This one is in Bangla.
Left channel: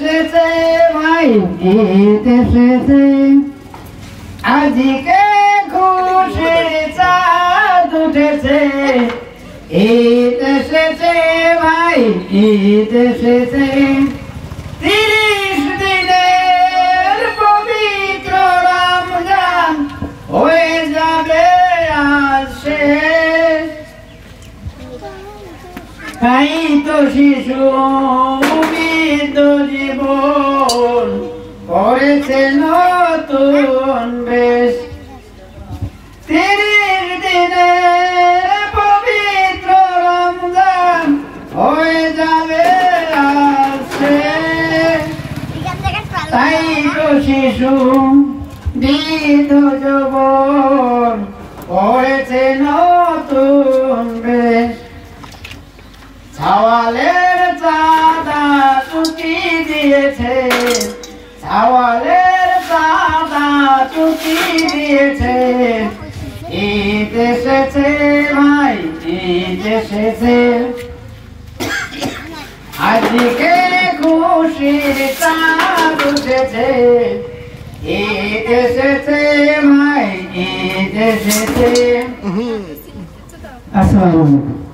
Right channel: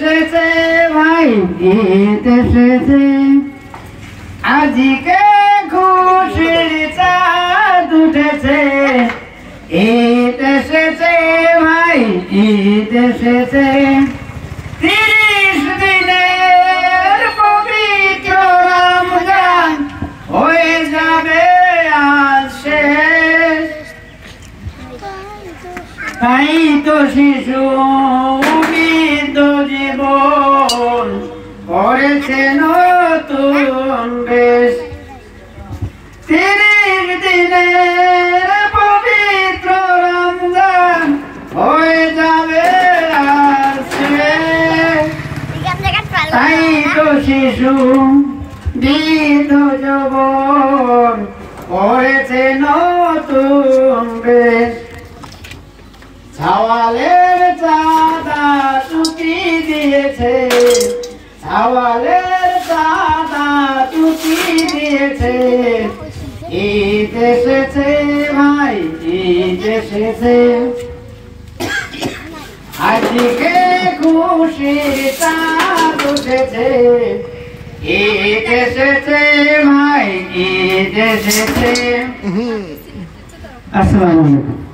এসেছে ভাই ঈদ এসেছে আজকে খুশির চাঁদ উঠেছে ঈদ এসেছে ভাই ঈদ এসেছে 30 দিনের পবিত্র রমজান হয়ে যাবে আজ শেষ তাই তো শিশু বৃদ্ধ জীবন করেছে নতুন বেশ 30 দিনের পবিত্র রমজান হয়ে যাবে আজ শেষ তাই তো শিশু বৃদ্ধ জীবন করেছে নতুন বেশ ছাওয়ালের চাঁদা চুকি দিয়েছে ছাওয়ালের চাঁদা চুকি দিয়েছে ঈদ এসেছে ভাই ঈদ এসেছে আজকে খুশির চাঁদ উঠেছে ঈদ এসেছে ভাই ঈদ এসেছে আসসালামু আলাইকুম।